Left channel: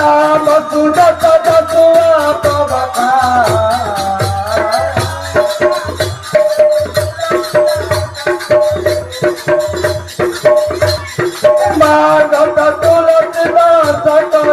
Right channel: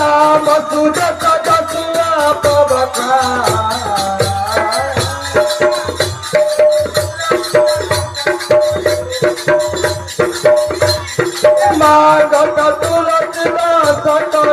राम सुदत दसुआ पवका माधव तुलसीदास कर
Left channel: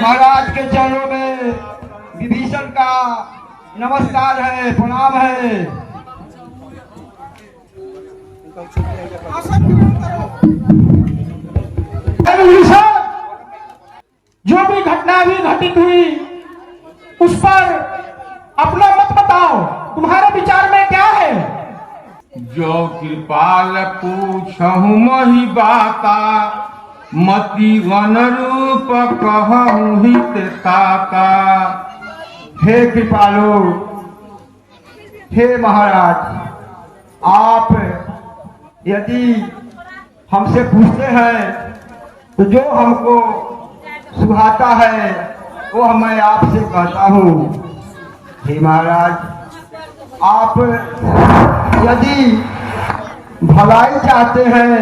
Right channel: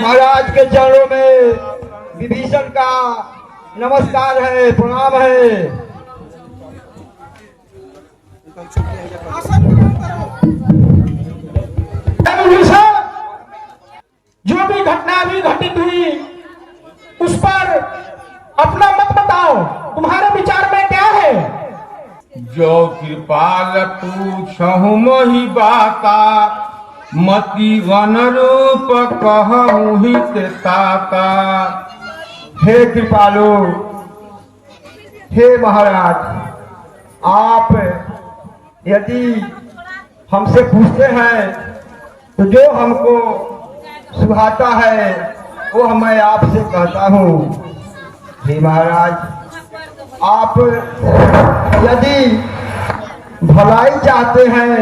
महाराज के चरणों में विभीषण का नमस्कार है, प्रणाम है। जो भी घटना भी घटित हुई उस पर अपना मत बताओ, तुम्हारे विचार में क्या है? जो कृपाल पूछहु मही बाता मति वन रूप कहूँ हित ताता। हे कृपालु, हे महाराज, आप यदि हमसे पूछते हैं तो जो हमको सुहाता है वो मैं आपसे कहता हूँ। हे महाराज, आप यदि भलाई चाहते हैं,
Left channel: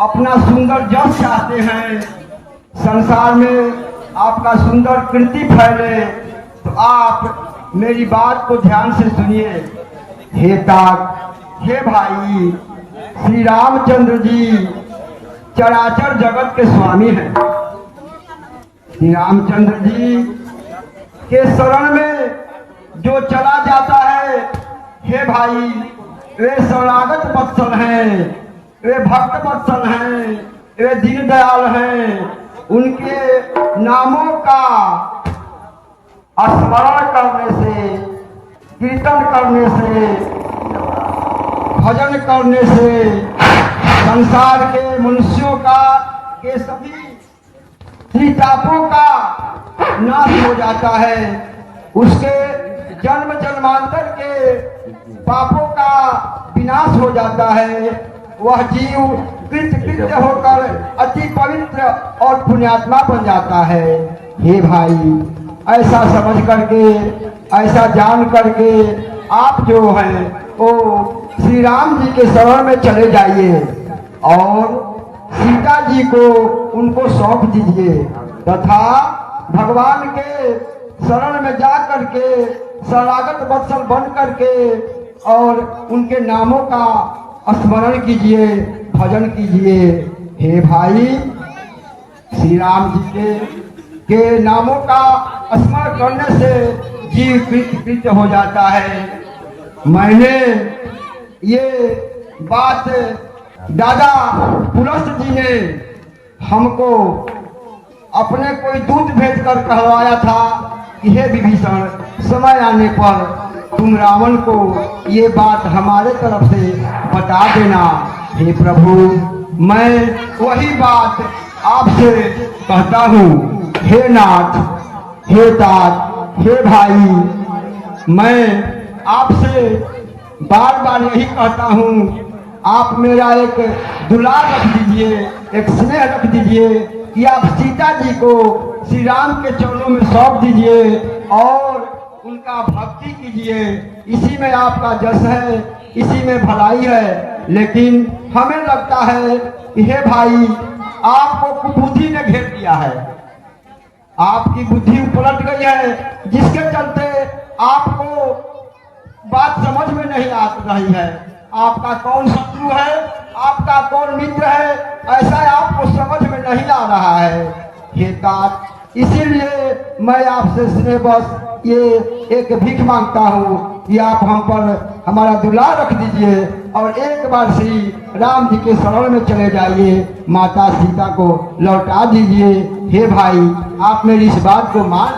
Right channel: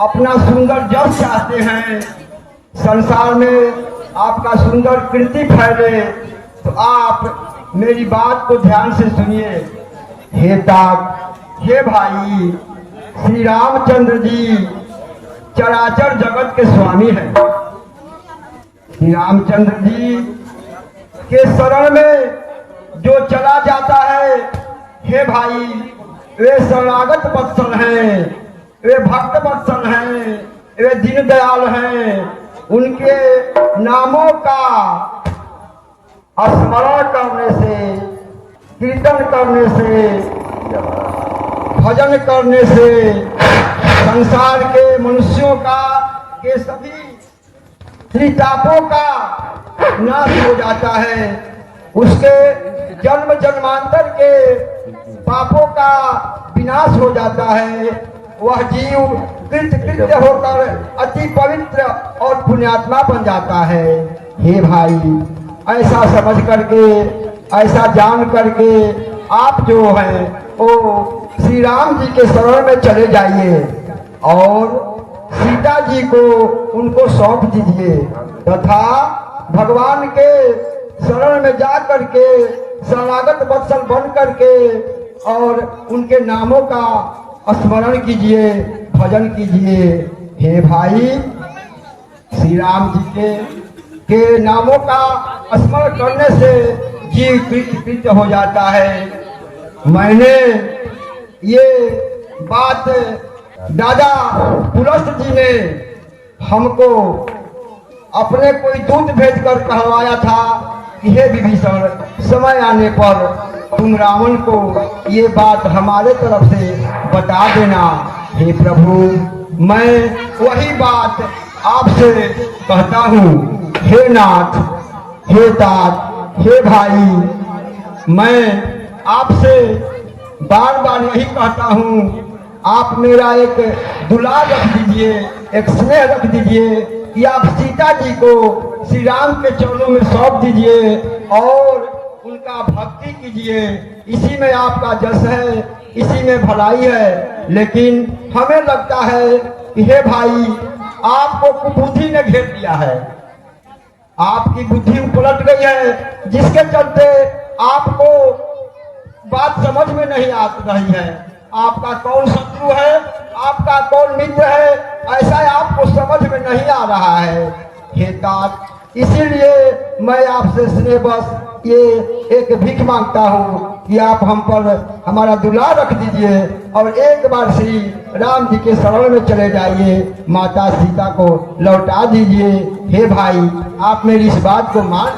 अपना सुंदर जस चाहते हैं, संसार में आपका सुंदर कीर्ति फैले, तो आप मेरी बात को ध्यान से सुनिए। हे तात, हे भाई, श्री रामचंद्र जी चराचर जगत के स्वामी हैं। श्री रामचंद्र जी के शरण में जो चला जाता है, हे भाई, वे शरणागत वत्सल हैं, वे भक्त वत्सल हैं, वे दीन दयाल हैं। उनके नामों का स्मरण करने से, कीर्तन करने से, भजन करने से संसार के मनुष्यों का के सभी त्रितापों का नाश हो जाता है। उसके जन्म जन्मांतर के पापों का विनाश हो जाता है। वह जीव कृत्य होकर अति पवित्र और पुण्यात्मा बन जाता है। हे भाई, ऐसा समझ करके, ऐसा जान करके आप जो है वो श्री राम जी के शरण में चले जाइए और सीता जी को उनको सौंप दीजिए तथा भगवान के शरण में जा करके शरणागत वत्सल बन करके और उनके नामों का स्मरण कीजिए, भजन कीजिए। हे भाई, श्री राम जी के नामों का स्मरण करने से जीव कृत्य हो जाता है। मैंने ये बात दादा पुलस्त जी ने हमको अपने कोई दूत भेजकर कहवाया था कि हे विभीषण, समय आने पर तुम रावण को ये बात हमारे तरफ से बता देना। हे प्रभु, मैं वही बात आपसे कहता हूँ। हे नाथ, हे तात, हे भाई, मैं आपसे बार बार यही कहता हूँ, आप मेरा एक दुलार रख दीजिए, एक स्नेह रख दीजिए कि आप सीता जी को श्री राम के चरणों में सौंप दीजिए और उनका भक्ति कीजिए। इसी में आपका जस है, इसी में भलाई है। लेकिन हमें लगता है कि हे भाई, आपको कुबुद्धि ने घेर लिया है, आपकी बुद्धि पलट गई है, जिसके चलते आपको बात समझ में नहीं आ रही है। आपका कौन शत्रु है, आपका कौन मित्र है, ऐसा आपको समझ में नहीं आ रहा है। हे तात, इसीलिए मैं आपसे स्नेह बस ये एक भीख मांगता हूँ कि आप हम पर हमारा दुलार रख दीजिए और एक बार श्री राम जी के शरण में चले जाइए, माता सीता को लौटा दीजिए। हे भाई, आप मेरी इस बात को मान।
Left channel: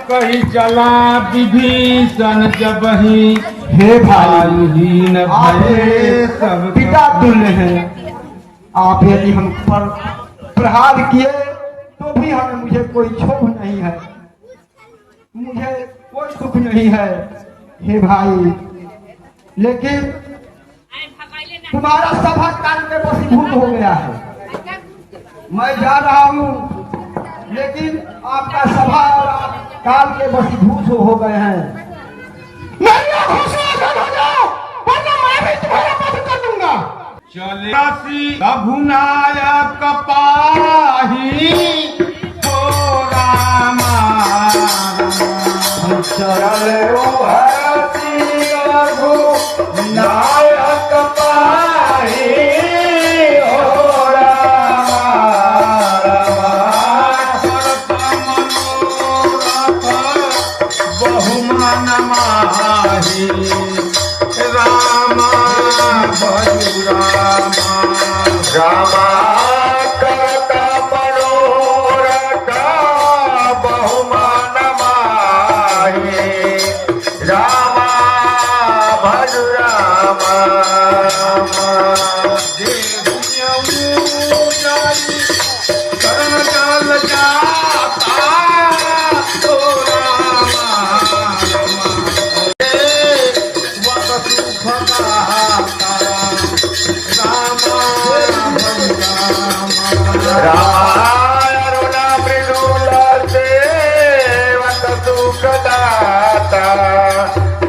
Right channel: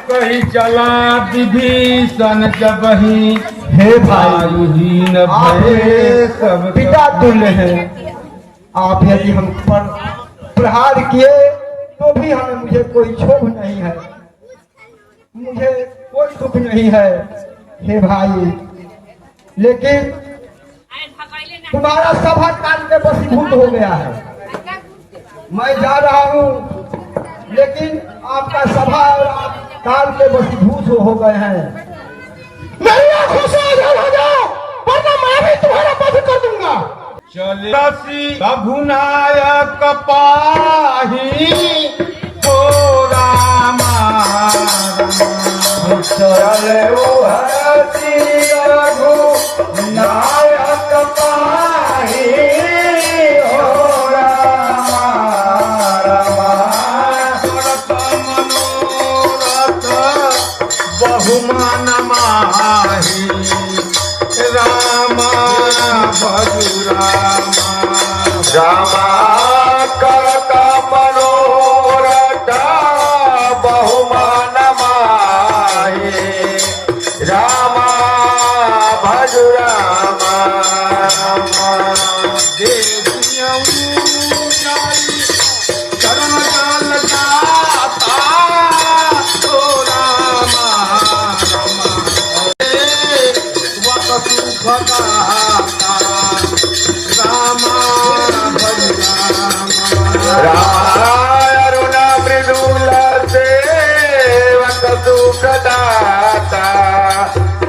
कही चला विभीषण जब ही हे भाई, हीन भये सब पिता तुल्य है। आप यदि हम पर प्रहार किए तो भी हमें मुझे कोई क्षोभ नहीं है, मुझे कोई दुख नहीं है। हे भाई, लेकिन तुम्हारा सभा काल में वशीभूत हो गया है। मैं जा रहा हूँ, लेकिन आपका सभा और काल के वशीभूत हो गए हैं। चलसी रघुनायक पाही हो रामा चले ओ हरसी रघुनायक पाही हो रामा रामा बहुमान माही रामा भजु रामा रामा करता मनोरथ बहुमान माहे रामा भजु रामा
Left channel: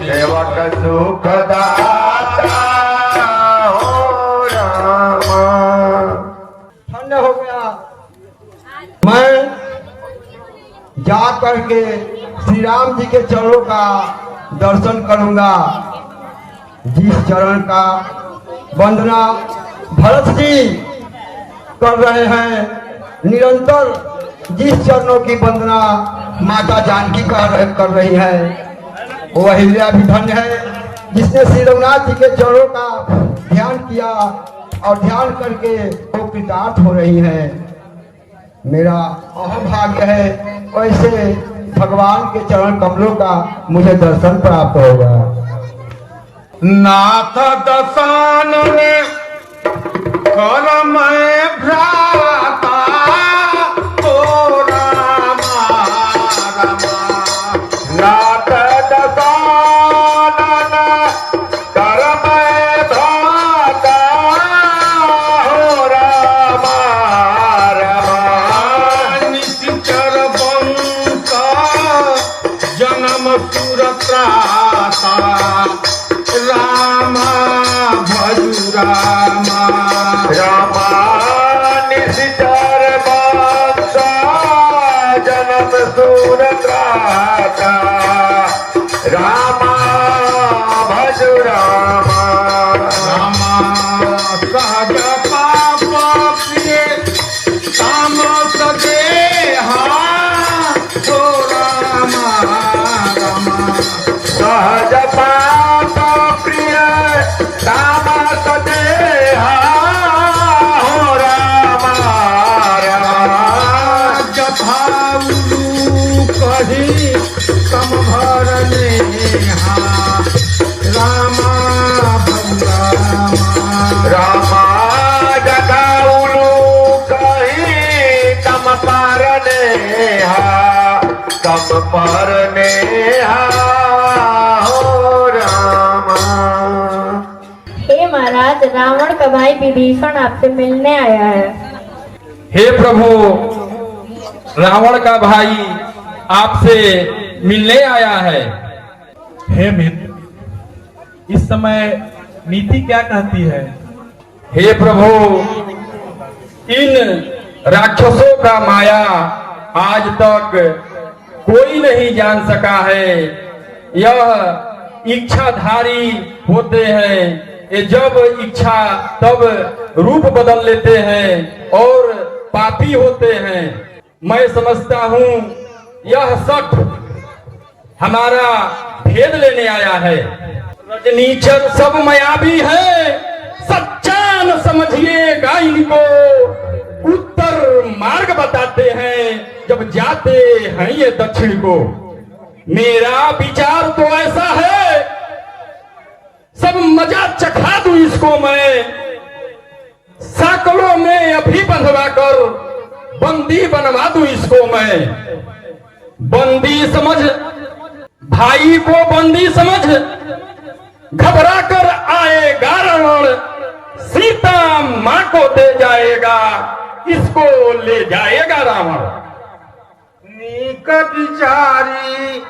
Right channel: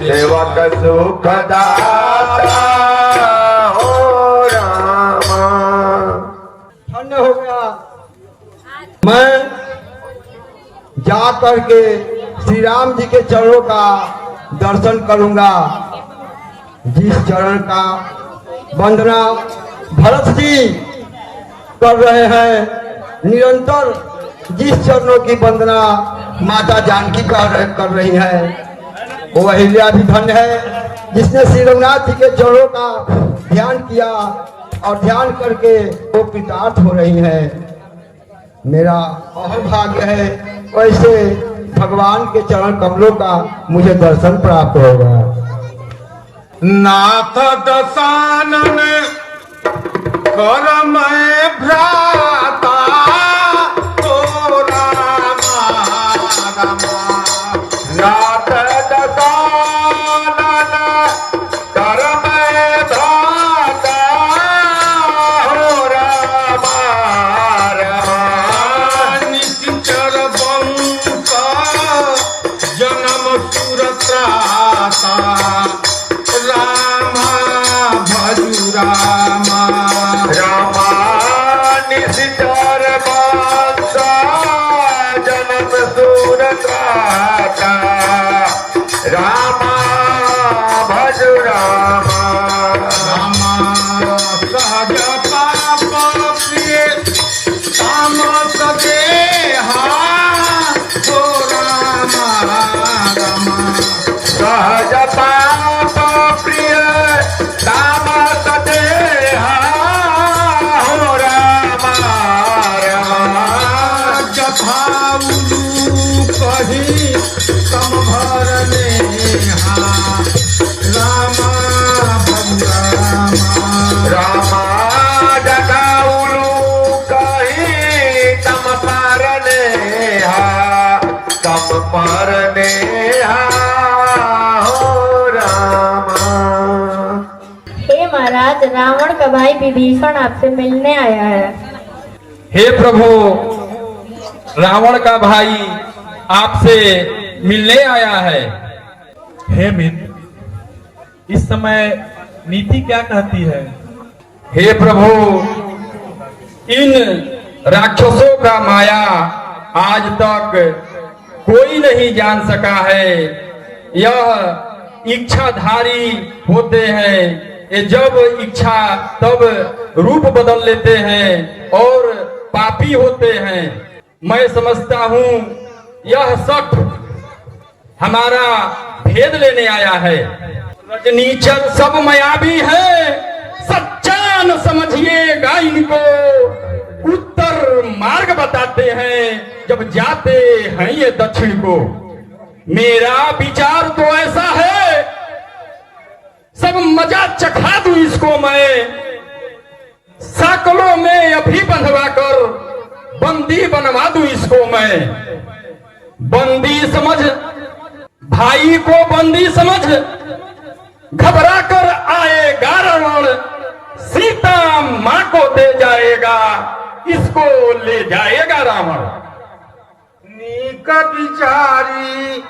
सेवक सुखदाता हो रामा। धन्य हो गया। मैं जा करके श्री राम जी के चरणों का दर्शन करूंगा, जिस चरण का वंदना भरत जी कर रहे हैं, निरंतर जिस चरणों की वंदना माता जानकी कर रही है, वो अहिल्या भी धन्य है जिसने श्री रघुनाथ जी के चरणों का ध्यान किया और ध्यान करके वो कृतार्थ हो रही है। मेरा अहम भाग्य है, वैसे भगवान के चरण कमलों का मुझे दर्शन प्राप्त होगा। नाथ दशानन कर मैं भ्राता ओ रामा रामा नाथ दशानन कर मैं भ्राता हो रामा रामा निश्चर वंश जन्म सुरत्राता रामा भजु रामा रामा निश्चर वंश जन्म सुरत्राता रामा भज रामा रामा सहज पाप प्रिय तामस देहा हो रामा रामा सहज पाप प्रिय तामस देहा हो रामा रामा जभावलू कही तम भरने रामा भज रामा रामा जगाउलू कही तम पारने तम पारने हो रामा। हे महाराज, रावण का भाई विभीषण आपसे मिलने आया है। हे प्रभु, रावण का भाई आपसे मिलने आया है। हे मित्र, इस समय नीति क्या कहती है? हे प्रभु, इन राक्षसों का माया आज तक कोई नहीं जान सका है। यह इच्छाधारी होते हैं, ये जब इच्छा तब रूप बदल लेते हैं और पापी होते हैं। मैं समझता हूँ यह शठ हमारा भेद लेने आया है। रजनीचर सब मायावी है, सच्चा न समझिएगा इनको। उत्तर मार्ग बताते हैं जब जाते हैं ये दक्षिण को। मेरा विचार तो ऐसा है, सब मजा चखा दूं इसको मैं। साकलों में अभी बंधवा कर बंदी बनवा दूं इसको मैं। बंदी समझ, भाई को बंदी समझ, घबरा कर आएगा रावण, सीता मां को दे जाएगा, इसको ले जाएगा रावण। नीक विचारी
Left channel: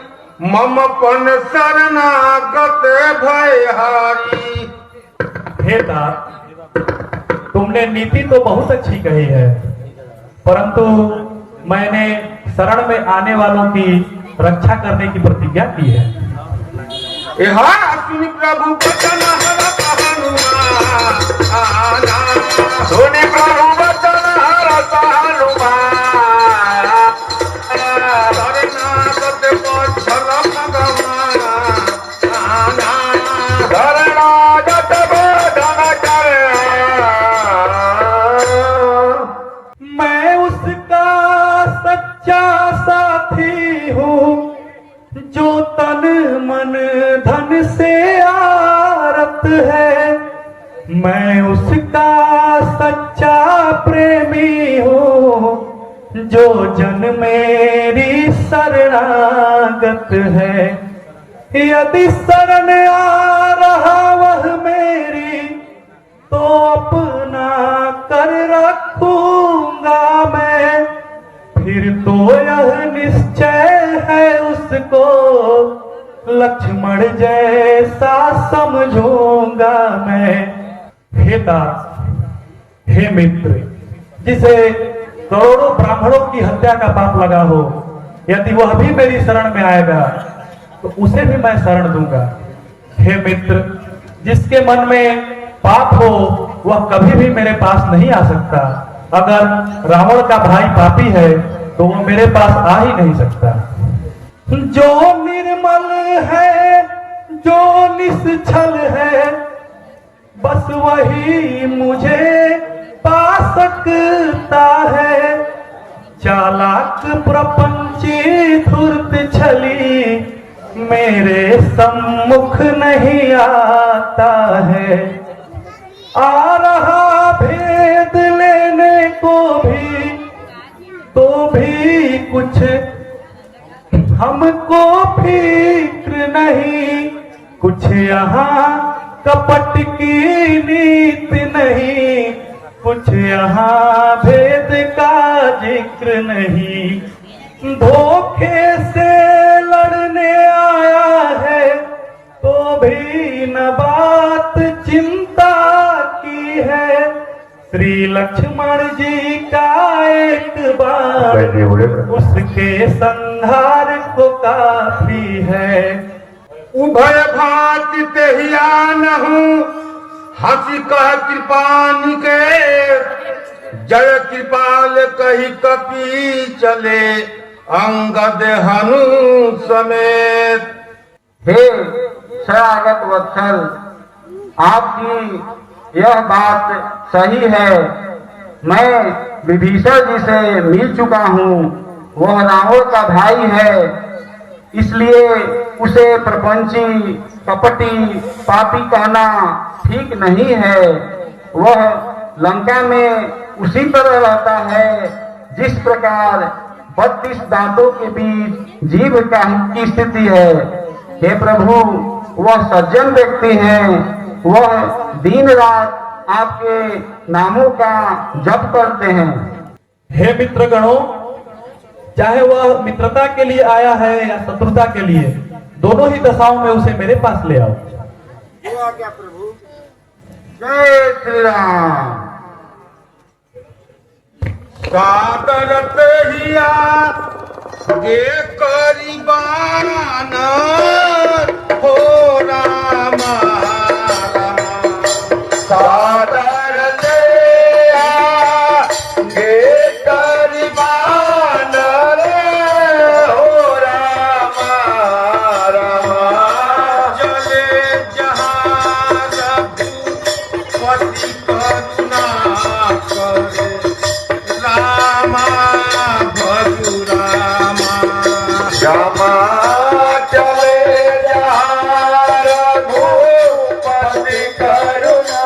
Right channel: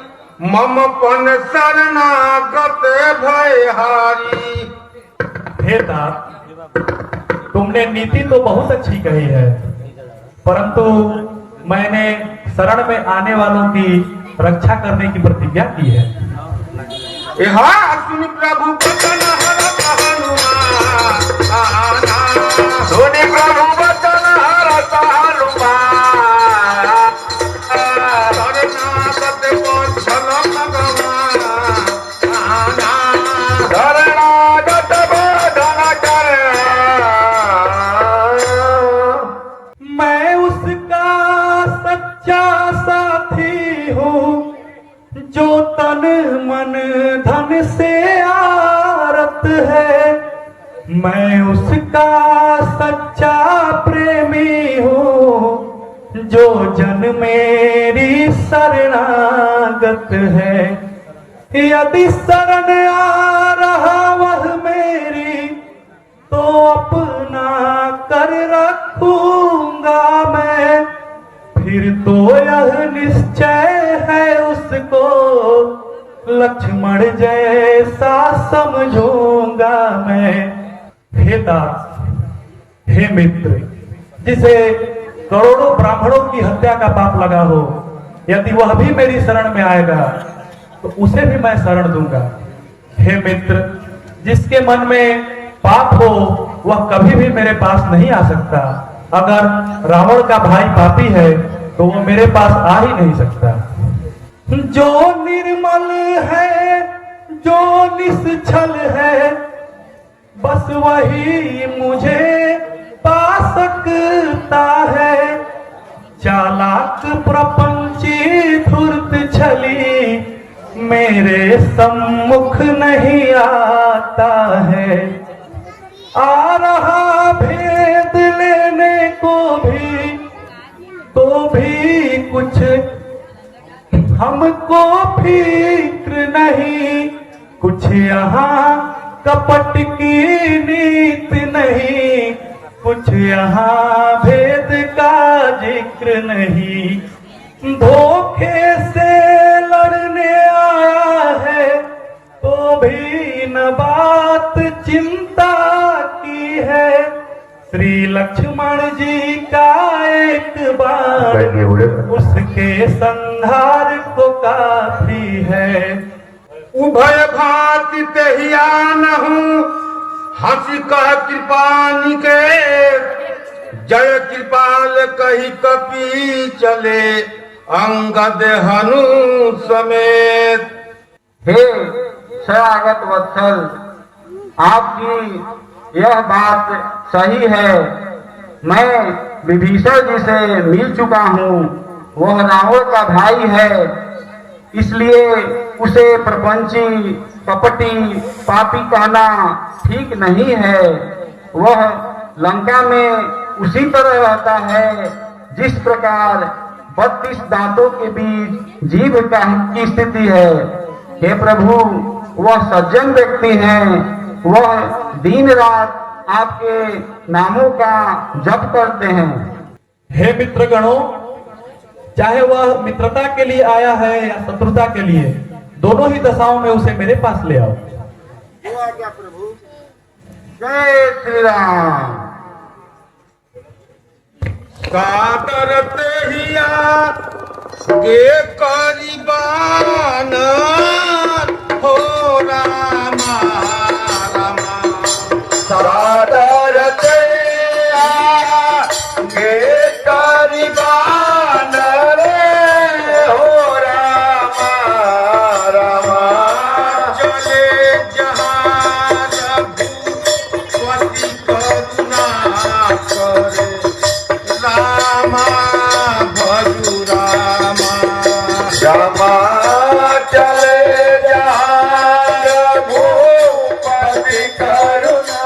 ममपन शरणागत भयहारी। हे तात, तुमने नीति तो बहुत अच्छी कही है, परंतु मैंने शरण में आने वालों की रक्षा करने की प्रतिज्ञा की है। सुनि प्रभु वचन हरत हनुमान, सुनि प्रभु वचन हरत हनुमान, शरणागत वत्सल भगवान, शरणागत बोधन कर। मैं उसका सच्चा साथी हूँ, जो तन मन धन से आरत है। मैं उसका सच्चा प्रेमी हूँ, जो जन मेरी शरणागत है। यदि शरण आ रहा वह मेरी, तो अपना कर रखूंगा मैं। फिर तो यह निश्चय है उसको लक्ष्मण जैसा समझूंगा मैं। हे दास, हे मित्र, जिसे करोड़ों ब्राह्मणों की हत्या का पाप लगा हो, यदि वह भी मेरी शरण में आएगा तो उसे भी मैं शरण दूंगा। हे मित्र, जिसके मन में पाप हो वह कभी भी मेरे पास नहीं आ सकता। अगर रावण का भाई पापी है तो वो मेरे पास आ ही नहीं सकता। जो निर्मल है, जो निश्चल है, बस वही मुझे पा सकता है। चालाक प्रपंची धूर्त छली मेरे सम्मुख नहीं आता है। आ रहा भेद लेने को भी, तो भी कुछ हमको फिक्र नहीं। कुछ यहाँ कपट की नीति नहीं, कुछ यहाँ भेद का जिक्र नहीं। धोखे से लड़ने आया है तो भी न बात चिंता की है। श्री लक्ष्मण जी का एक बार उसके संहार को काफी है। उभय भांति तेहियान हूँ, हंसी कह कृपानी के, जय कृपाल कही कपी चले अंगद हनु समेत। हे शरणागत वत्सल, आपकी यह बात सही है। मैं विभीषण जी से मिल चुका हूँ, वह रावण का भाई है, इसलिए उसे प्रपंची, कपटी, पापी कहना ठीक नहीं है। वह लंका में उसी तरह रहता है जिस प्रकार 32 दांतों के बीच जीभ की स्थिति है। हे प्रभु, वह सज्जन व्यक्ति हैं, वह दिन रात आपके नामों का जप करते हैं। हे मित्रगणों, चाहे वह मित्रता के लिए आया है या शत्रुता के लिए, दोनों ही दशाओं में उसे मेरे पास ले आओ। जो आज्ञा प्रभु। जय श्री राम। कादरत हिया गे करीबान हो रामा कादरत हिया गे करीबान रे हो रामा रामा चले जहाज पति करुणा करे रामा भजु रामा रामा चले जहाज भूपति करुणा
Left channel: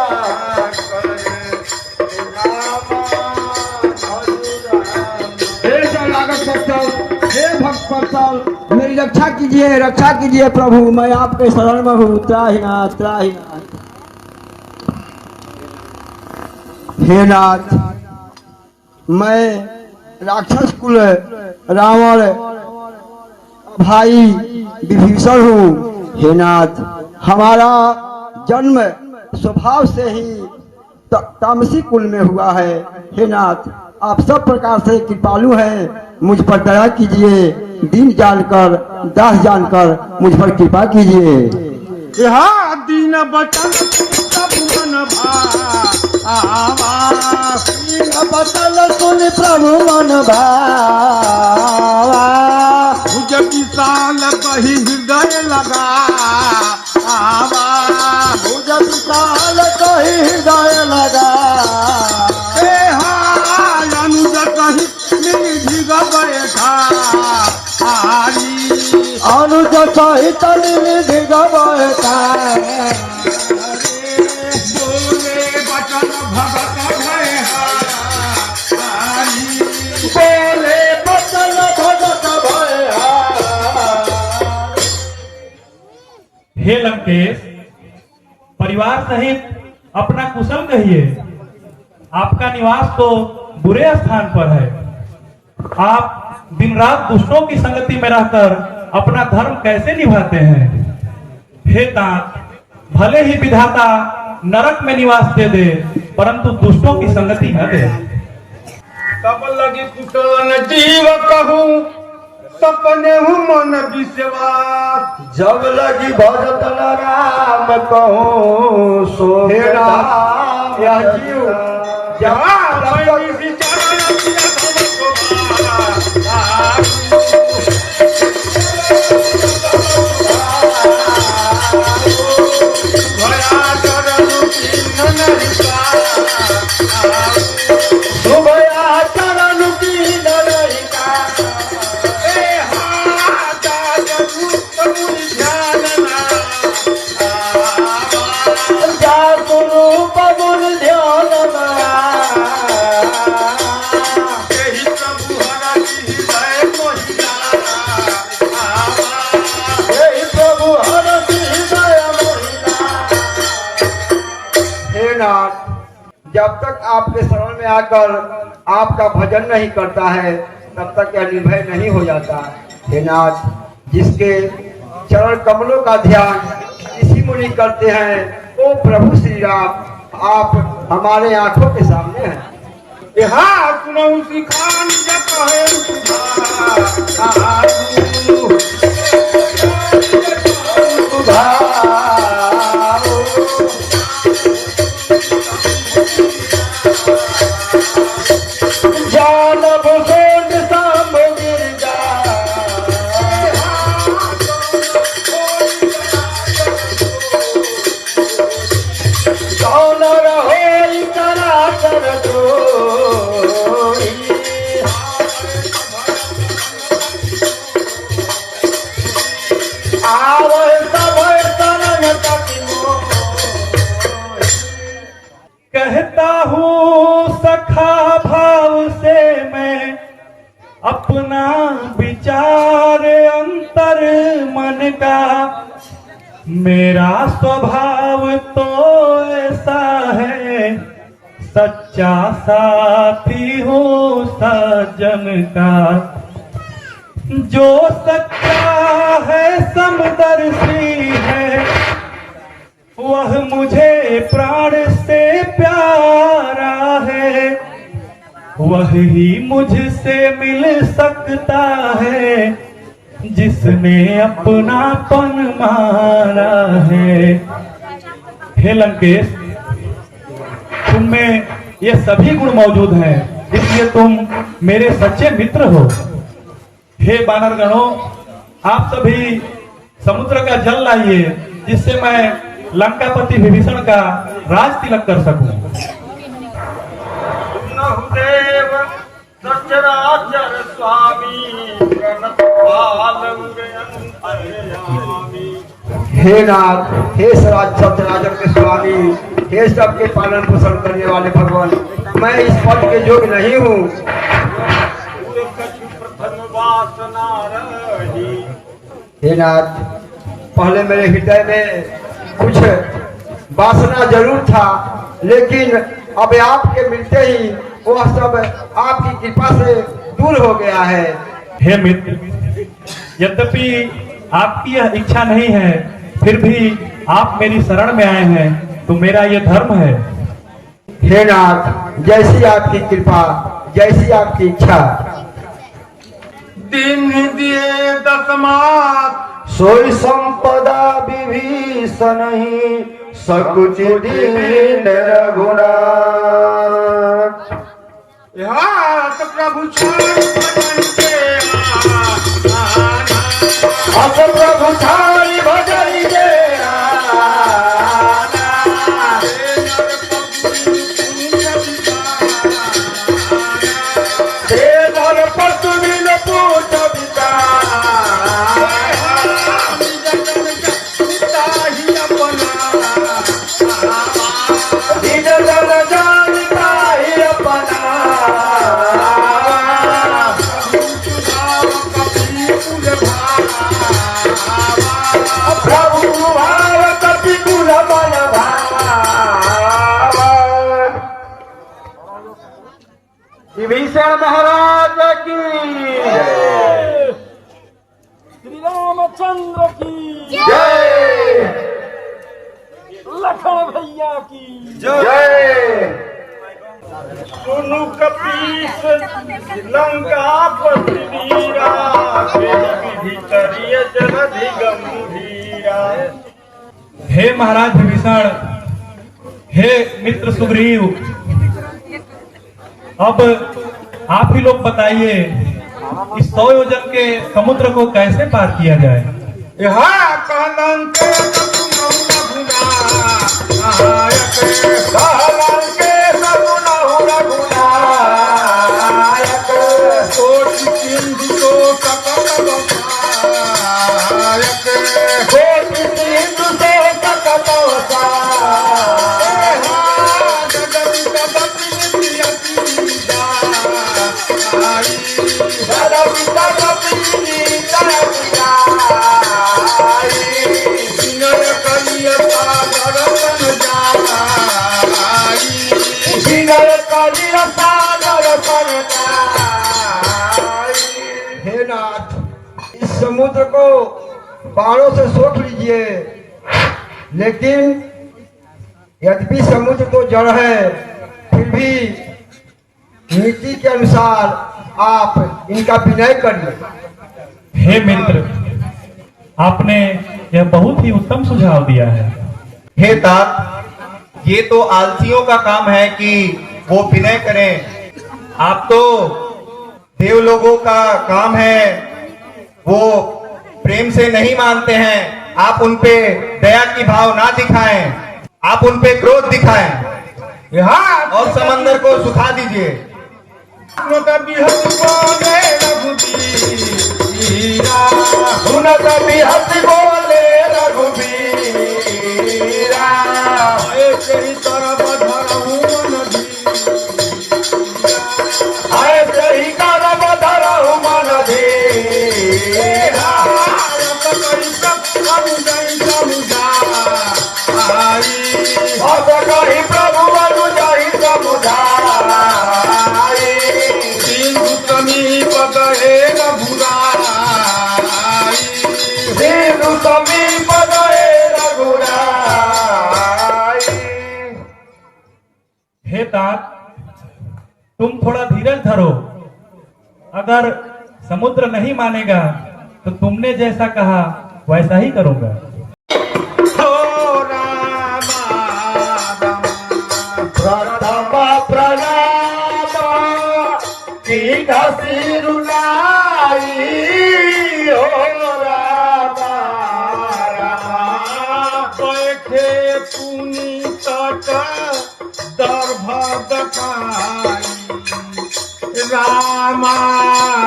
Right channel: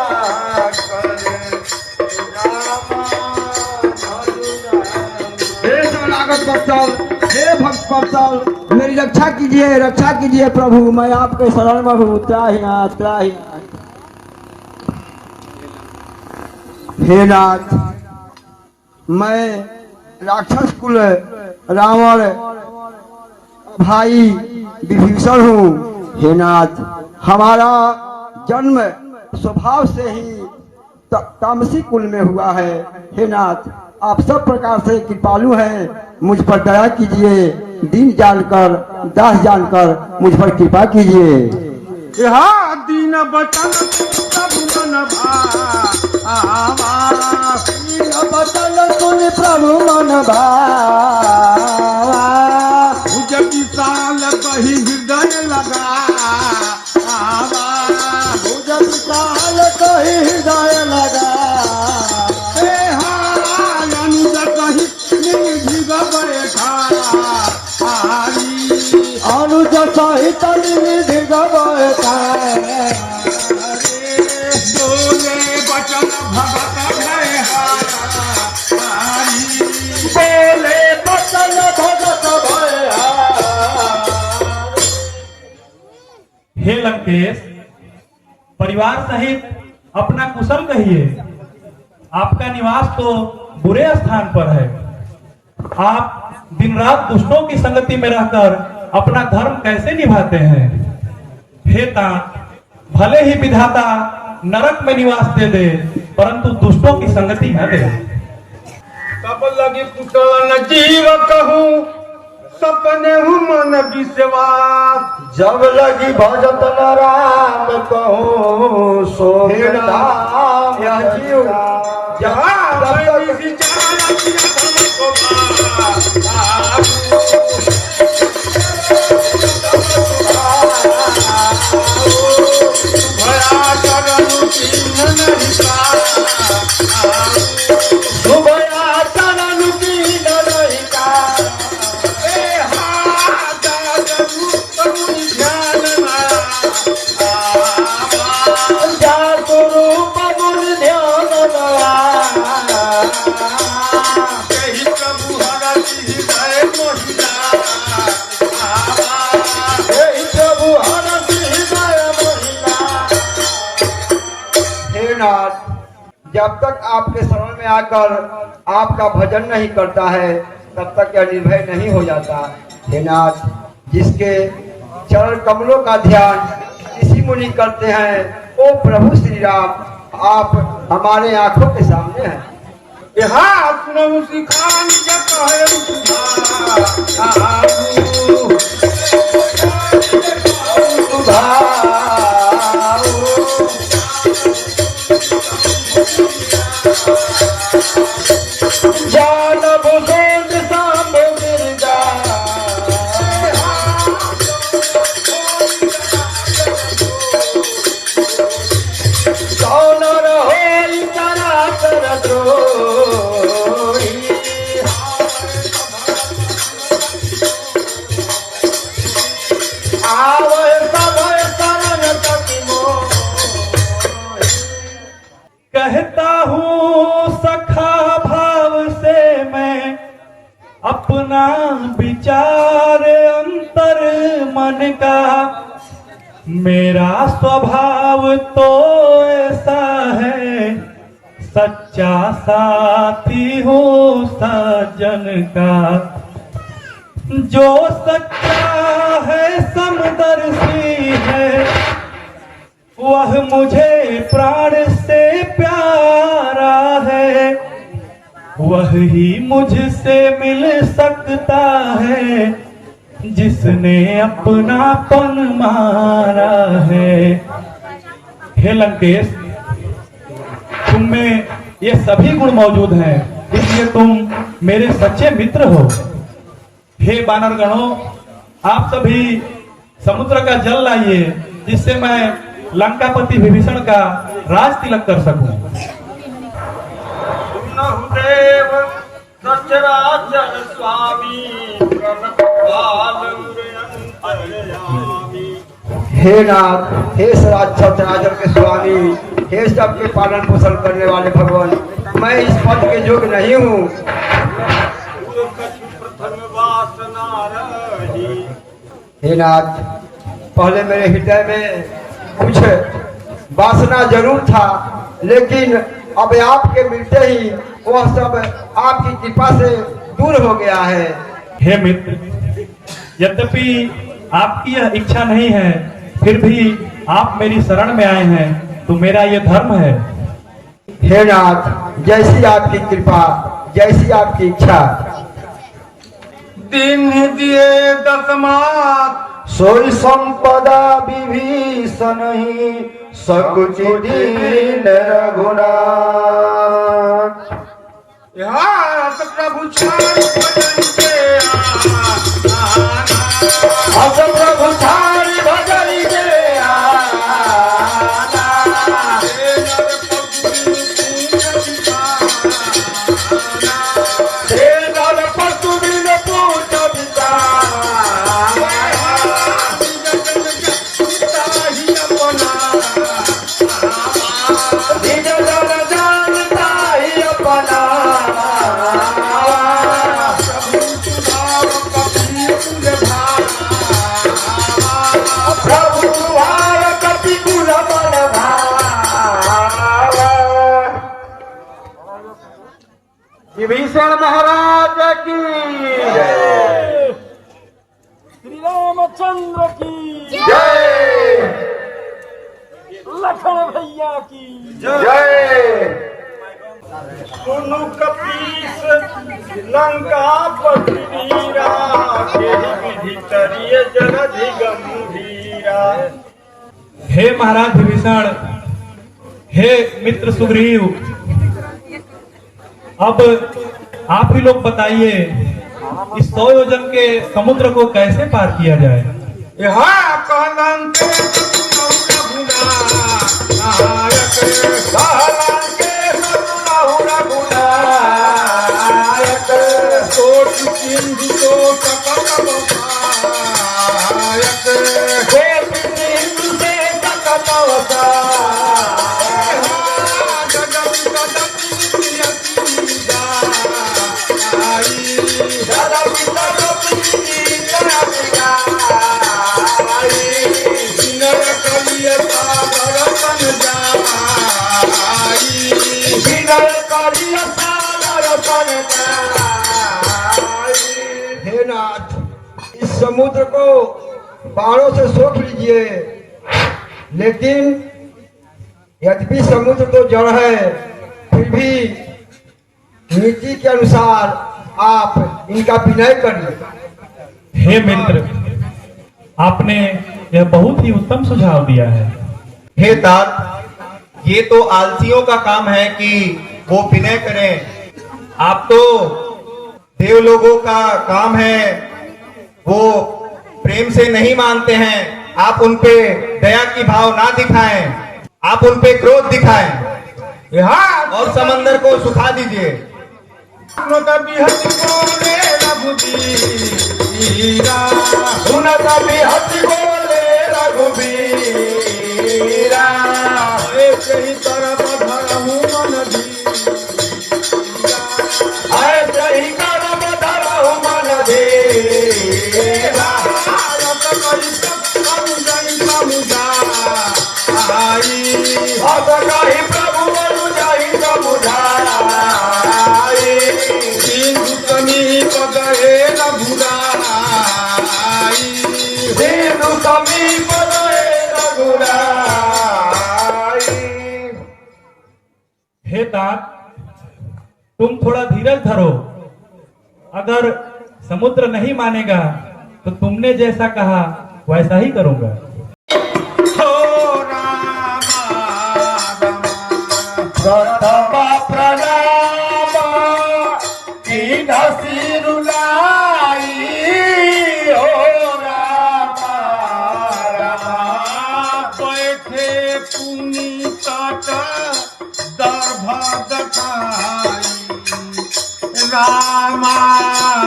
करे रामा भजु रामा। हे शरणागत वत्सल, हे भक्त वत्सल, मेरी रक्षा कीजिए प्रभु, मैं आपके शरण में हूँ, त्राहिनाथ त्राहिनाथ। हे नाथ, मैं राक्षस कुल रावण भाई विभीषण हूँ। हे नाथ, हमारा जन्म स्वभाव से ही तामसी कुल में हुआ है। हे नाथ, आप सब प्रकार से कृपालु हैं, मुझ पर दया कीजिए, दीन जानकर दास जानकर मुझ पर कृपा कीजिए। दीन बचन प्रभु मन भावा, दीन बचन सुन प्रभु मन भावा, भुज विशाल कही हृदय लगा आवा, भुज विशाल कही हृदय लगा अनुज कही निधि बैठा अनुज सहित निधि बैठा बोले बचन भगत बोले बचन भगत हे लंकेश, परिवार सहित अपना कुशल कहिए। आपका निवास तो बुरे स्थान पर है। आप दिन रात दुष्टों की संगति में रहकर अपना धर्म कैसे निभाते हैं? हे तात, भले ही विधाता नरक में निवास दे दे, परंतु दुष्टों की संगति न दे। तब लगी कुटन जीव कहूँ, सपने हूँ मन विश्वास, जब लगी भजत न राम कहूँ सो राम या जीव जहाँ मैं विचार किया जब तक आपके शरण में आकर आपका भजन नहीं करता है, तब तक यह निर्भय नहीं हो जाता। हे नाथ, जिसके चरण कमलों का ध्यान इसी मुनि करते हैं, ओ प्रभु श्री राम, आप हमारे आंखों के सामने हैं। यहाँ सुनऊ सिखान जग है जानब गोद साम गिरजा, कौन रहो करा कर द्रोही, आवे सब शरण तक मोहि। कहता हूँ सखा भाव से मैं अपना विचार अंतर मन का, मेरा स्वभाव तो ऐसा है, सच्चा साथी हूँ सज्जन का। जो सच्चा है समदर्शी है, वह मुझे प्राण से प्यारा है, वह ही मुझसे मिल सकता है जिसने अपनापन मारा है। हे लंकेश, तुम में ये सभी गुण मौजूद हैं, इसलिए तुम मेरे सच्चे मित्र हो। हे बानरगणों, आप सभी समुद्र का जल लाइए, जिससे मैं लंकापति विभीषण का राज तिलक कर सकूं। देव सचराचर स्वामी प्रणतपालंग अंतर्यामी। हे नाथ, हे सराचर चराचर के स्वामी, हे सबके पालन पोषण करने वाले भगवान, मैं इस पद के योग्य नहीं हूँ। प्रथम वासना रही। हे नाथ, पहले मेरे हृदय में कुछ वासना जरूर था, लेकिन अब आपके मिलते ही वह सब आपकी कृपा से दूर हो गया है। हे मित्र, यद्यपि आपकी यह इच्छा नहीं है, फिर भी आप मेरी शरण में आए हैं, तो मेरा यह धर्म है। हे नाथ, जैसी आपकी कृपा, जैसी आपकी इच्छा। दिन दिए दसमात सोई संपदा विभीषण ही, सकुचि दीन रघुनाथ। हाथ प्रभु छाड़ भजन के आना। हाथ प्रभु छाड़ भजन के आना। हे नर पशु बिन पूछ विचार। ही अपना निज जन जानता ही अपना। प्रभु भाव कपि कुल मन भावा। विभीषण महाराज की, श्री रामचंद्र की जय, लखन भैया की जय। सुनु कपीस लंकापति वीरा, के विधि करिय जलधि गंभीरा। हे महाराज विभीषण, हे मित्र सुग्रीव, अब आप ही लोग बताइए, इस 100 योजन के समुद्र को कैसे पार किया जाए। यहाँ कलंक हे नाथ, इस समुद्र को बाणों से सोख लीजिए, लेकिन यद्यपि समुद्र तो जड़ है, फिर भी नीति के अनुसार आप इनका विनय करिए। हे मित्र, आपने यह बहुत ही उत्तम सुझाव दिया है। हे तात, ये तो आलसियों का काम है कि वो विनय करें। आप तो देव लोगों का काम है, वो प्रेम से नहीं मानते हैं। आप उनपे दया की भाव ना दिखाएं, आप उनपे क्रोध दिखाएं और समंदर को सुखा दीजिए। प्रभु अनुजाई समुदाय, सिंधु समीप गए न भुरा। तात, तुम थोड़ा धीरज धरो। अगर समुद्र नहीं मानेगा तो तुमने जैसा कहा वैसा ही करूंगा। प्रथम प्रणाम कीन सिरुलाई हो रामा रामा बैठे पुनि तट दर्भ दखाई रामा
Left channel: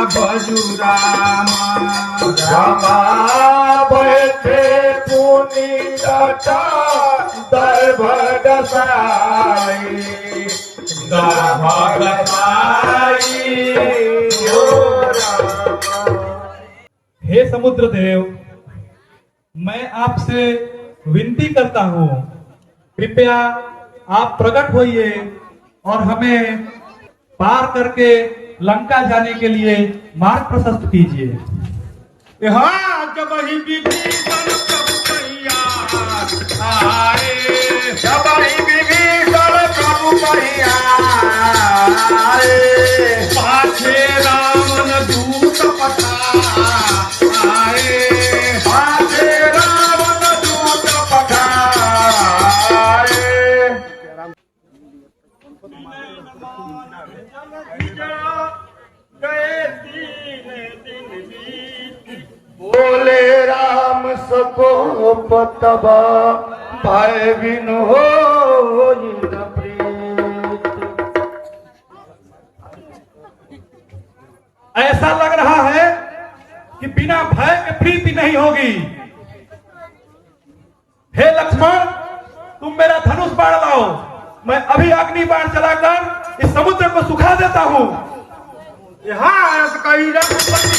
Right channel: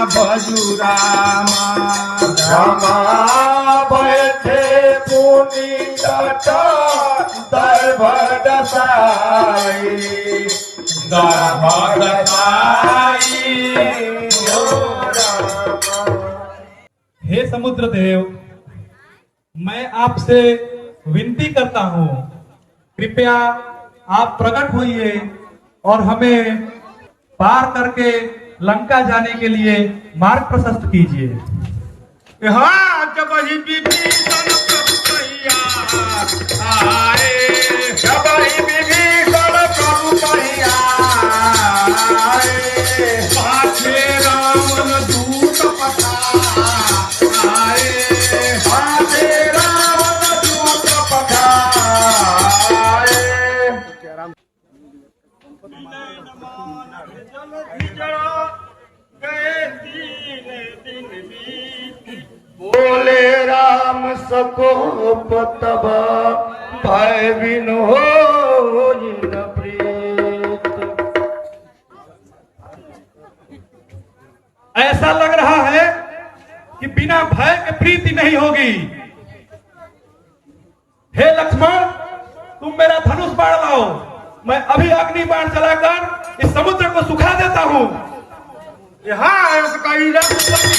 भजु रामा रामा बैठे पुनि तट दर्भ दसाई दर्भ दसाई हो रामा। हे समुद्र देव, मैं आपसे विनती करता हूँ, कृपया आप प्रकट होइए और हमें पार करके लंका जाने के लिए मार्ग प्रशस्त कीजिए। हाँ जब ही विभीषण प्रभु कहिया आए, जब ही विभीषण प्रभु कहिया आए, पाछे रावण दूत पठाए, पाछे रावण दूत पठाए। गए तीन दिन बीत, बोले राम सकोप तब भय बिन हो न प्रीत। ऐसा लग रहा है कि बिना भय के प्रीति नहीं होगी। हे लक्ष्मण, तुम मेरा धनुष बाण लाओ, मैं अभी अग्नि बाण चलाकर इस समुद्र को सुखा देता हूँ। हस कही रघुपति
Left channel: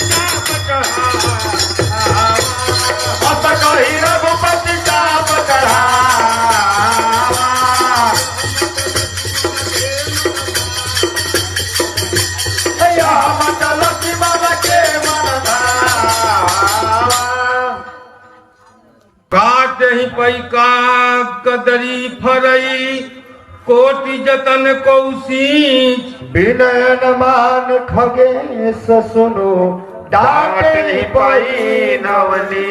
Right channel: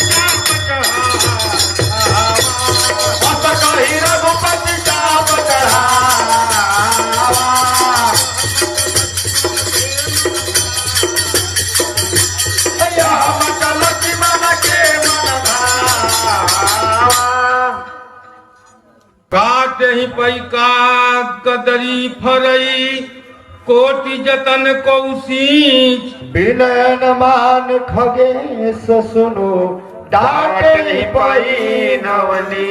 चाप चढ़ावा, चलती मन के मन काट ही पई का कदरी फरई, कोटि जतन कौशीच बिनयन मान खगेश सुनो डांटे पई नवली।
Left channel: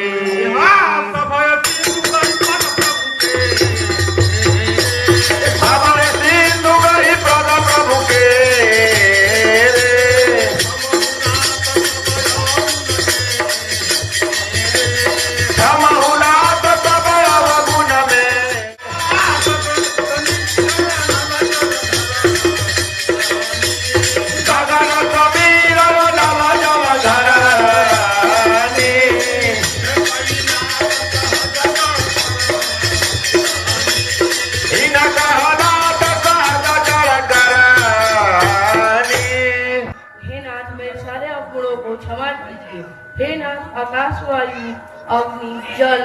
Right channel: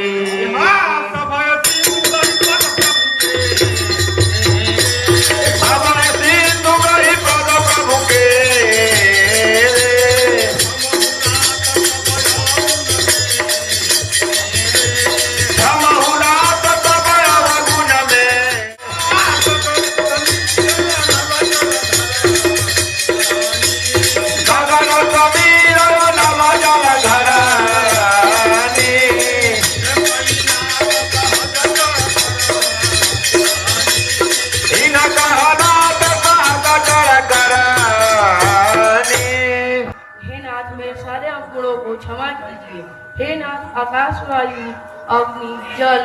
सिंधु गई पद प्रभु के क्षमा कीजिए। हे नाथ, आकाश, वायु, अग्नि, जल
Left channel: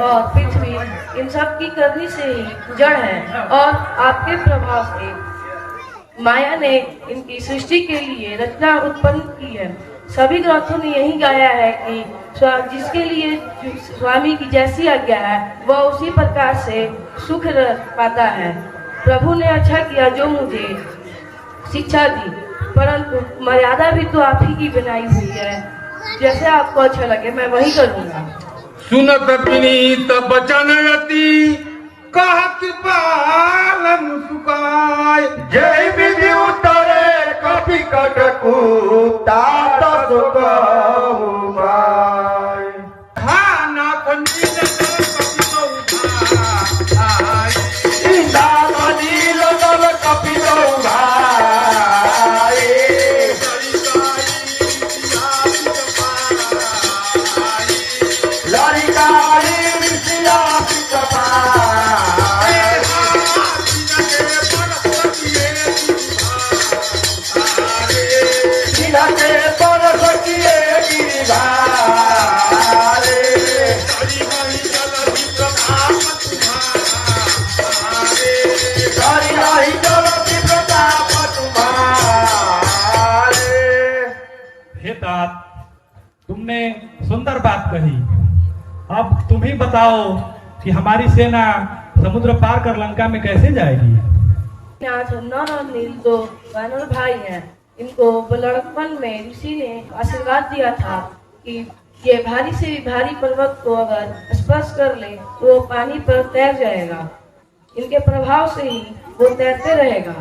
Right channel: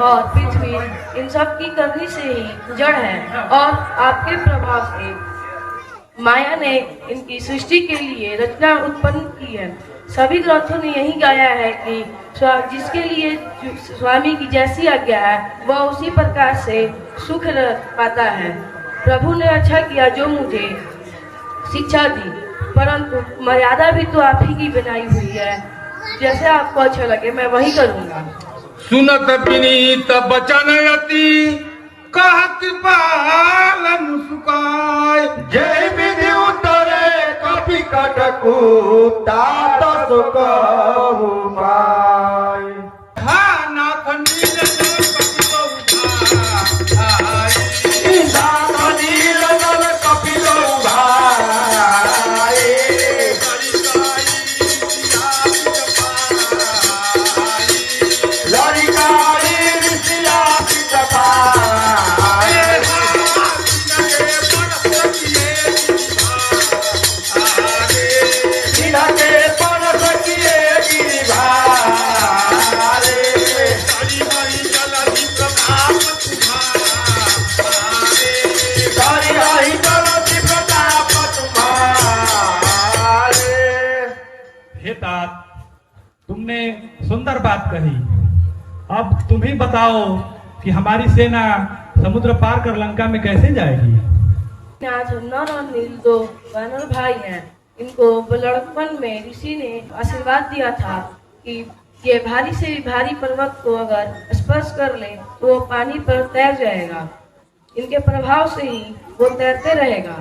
और पृथ्वी इन सब की करनी से ही जड़ है और आपके प्रभाव से माया ने इनकी सृष्टि के लिए रचना उत्पन्न की है। सभी ग्रंथों ने यही गाया है कि जिसके लिए स्वामी की जैसी आज्ञा है वह उसी प्रकार से सुख पाता है। प्रभु ने अच्छा किया जो मुझे शिक्षा दी, परंतु मर्यादा भी तो आप ही की बनाई हुई है। जैसे आपको अच्छा लगे मैं वही करूँगा। सुनत विनीत बचन रति कहत पालन सुकाय, जय विधि उतरे कपि कटकु तात सुकहु पाय। हाँ नाथ नील कपि तुमने सुंदर बात कही। अब तुम ही बताओ कि हमारी सेना समुद्र पार कर लंका में कैसे जाएगी। नाथ नर और नील दो वानर भाई हैं। इनको लड़कपन में ऋषि ने आशीर्वाद दिया था कि ये भारी से भी भारी पर्वत को अगर स्पर्श कर ले तो वो पानी पर तैर जाएगा। इनके प्रभाव से ही वो तैरते रहेगा।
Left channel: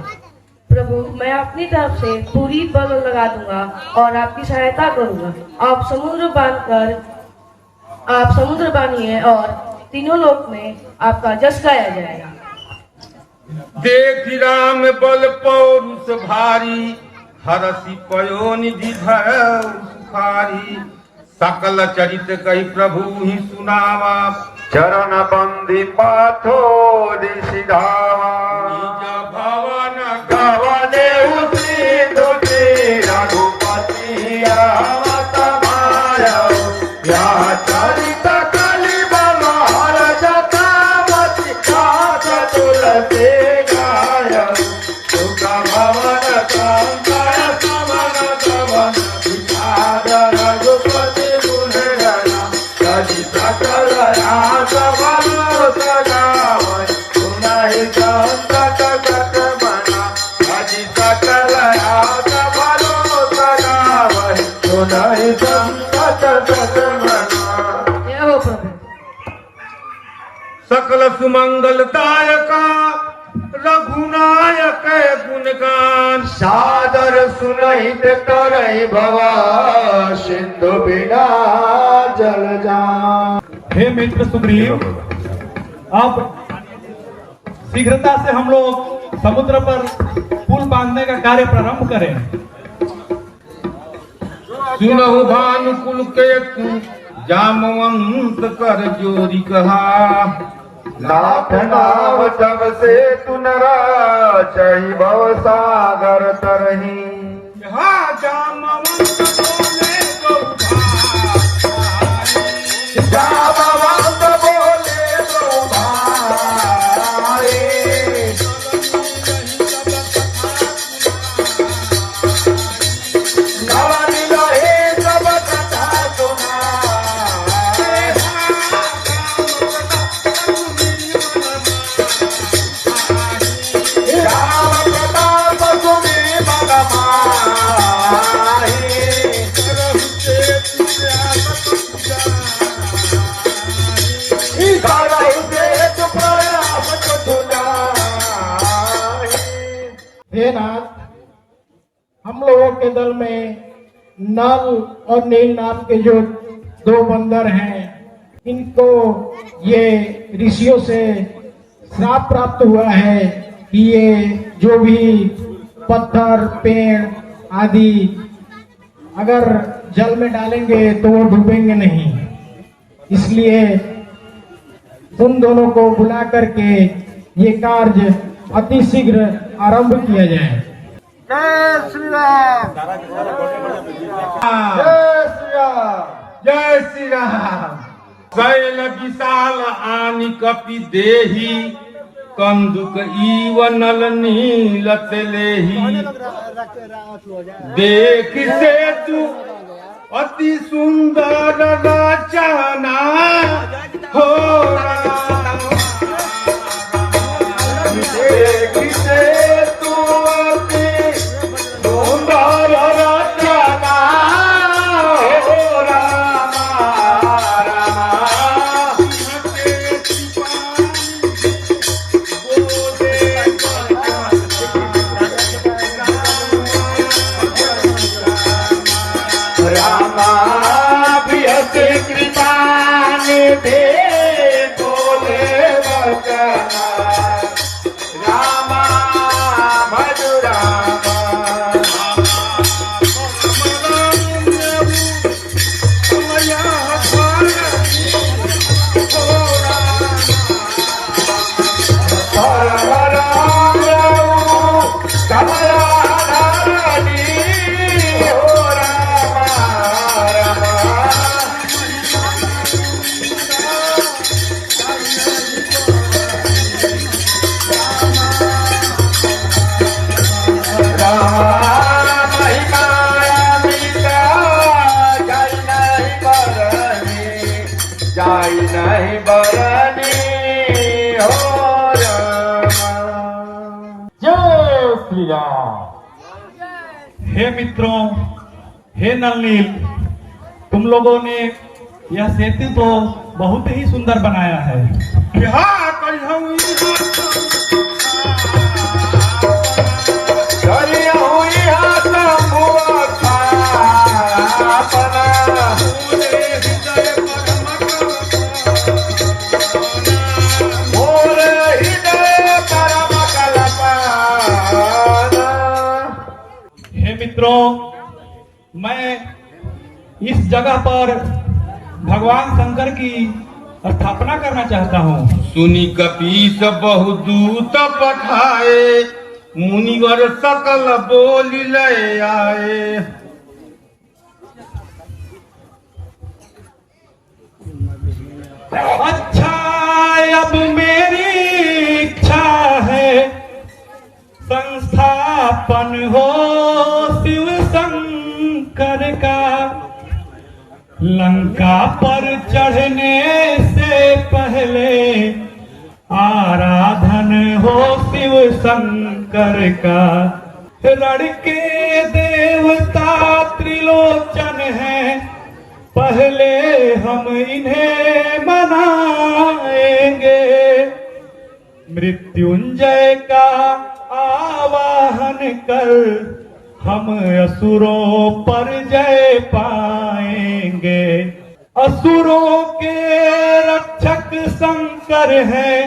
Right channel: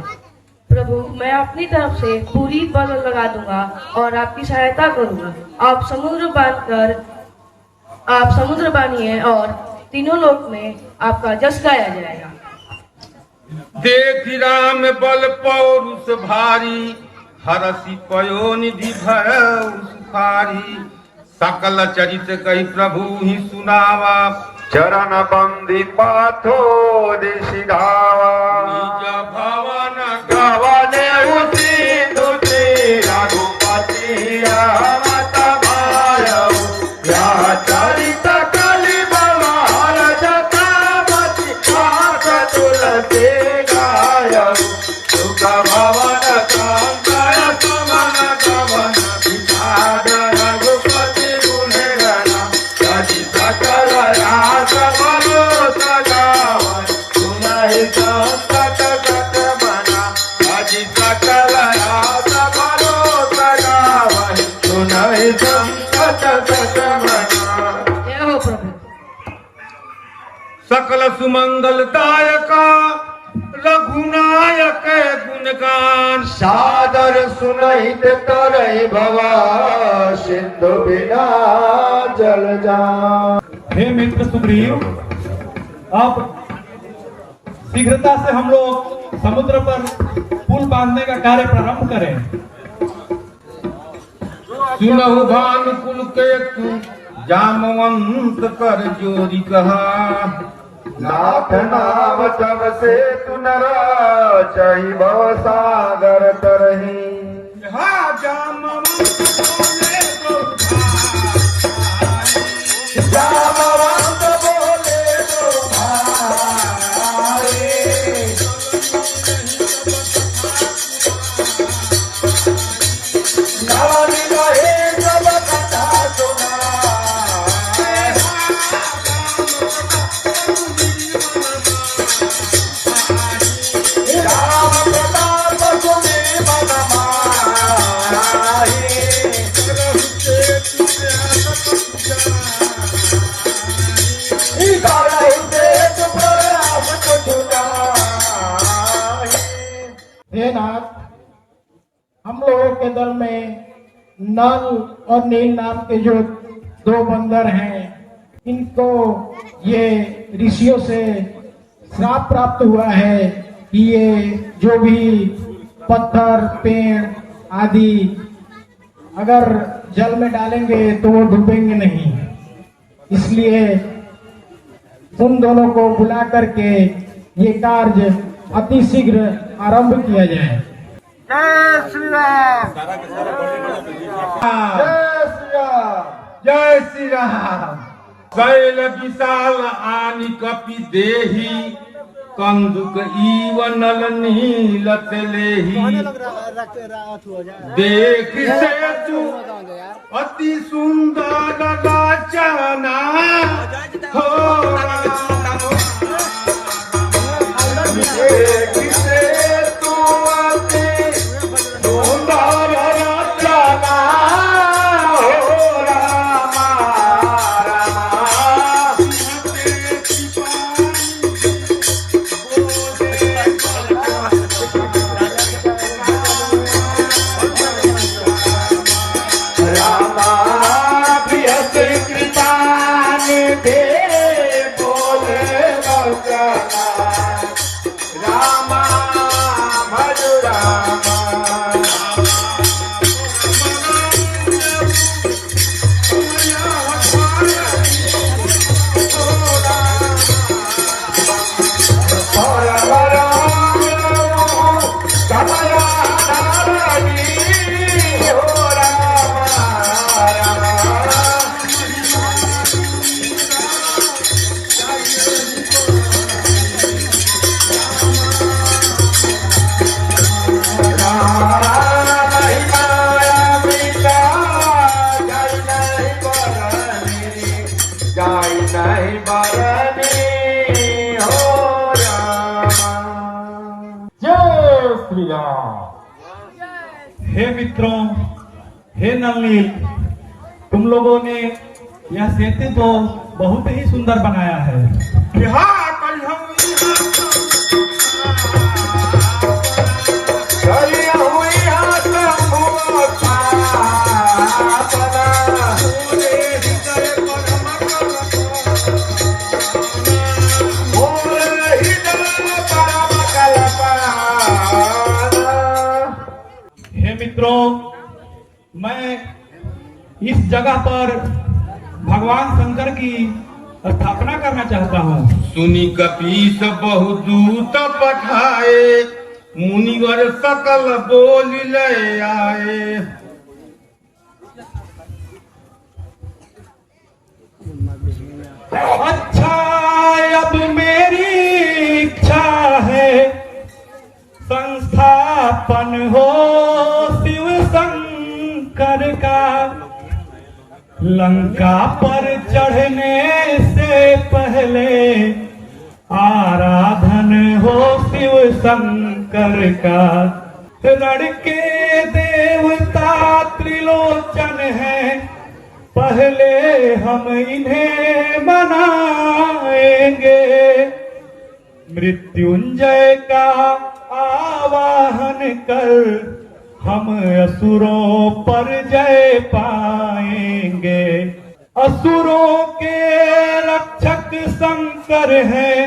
प्रभु, मैं अपनी तरफ से पूरी बल लगा दूंगा और आपकी सहायता करूंगा। आप समुद्र बानिए और तीनों लोक में आपका जस गाया जाएगा। देखी राम बल पौरुष भारी, हरसी पयो निधि भय सुखारी। सकल चरित कही प्रभु ही सुनावा, चरण बंदी पाथो दिशिधावा। निज भवन गवने उसी दुखी रघुपति रामत माया। या चरित कलि बल हर जटावती पार्थ तुलसी गाय। सुख भवन शंकर समन गवन विषाद रघुपति गुण गया। कवि सकल राज मनोज गावै, सुनहि संकट कट बना। कवि सकल राज मनोज गावै, सुनहि संकट कट बना। जय हो प्रभु। सकल सुमंगल तारका, रघुनायक गुणगान। सादर सुनहित करहि भवा, सिंधु बिना जल जान। हे मित्र सुग्रीव, अब शीघ्रता से हम लोग समुद्र पर पुल बांधने का कार्य प्रारंभ करें। सुनहु भानुकुल केतु, जामवंत कर जोरी कहा। नाथ नाम जब से तुनरा, चहि भव सागर तरही। जामवंत बोले गौधा, जामवंत बोले दो भाई। नवनी रहे सब कथा सुनाए। राम प्रताप सुनि बल माहि। हे नाथ, हम लोगों के दल में नल और नील नाम के जो दो बंदर हैं, इनको ये ऋषियों से श्राप प्राप्त हुआ है कि ये जो भी पत्थर पेड़ आदि अगर जल में डालेंगे तो वो डूबेंगे नहीं। इसलिए उन दोनों को बुला करके ये कार्य अति शीघ्र आरंभ किया जाए। जय श्री राम। जय श्री राम। जय श्री राम। शैल विशाल आनि कपि देही, कंदुक ईव नल नीलत लेही। देख सेतु अति सुंदर रचना, हो कृपा दे बोले हे मित्रों, हे नल नील, तुम लोगों ने यह सेतु तो बहुत ही सुंदर बनाया है। हे मित्रों, मैं इस जगह पर भगवान शंकर की स्थापना करना चाहता हूँ। सुनी कपीस बहु दूत पठाए, मुनिवर सकल बोल ले आए। अच्छा, अब मेरी इच्छा है संस्थापन हो शिव शंकर का। लंका पर चढ़ने से पहले आराधन हो शिव शंकर का। रण के देवता त्रिलोचन हैं, पहले हम इन्हें मनाएंगे। मृत्युंजय का आवाहन कर हम असुरों पर जय पाएंगे। असुरों के रक्षक शंकर हैं,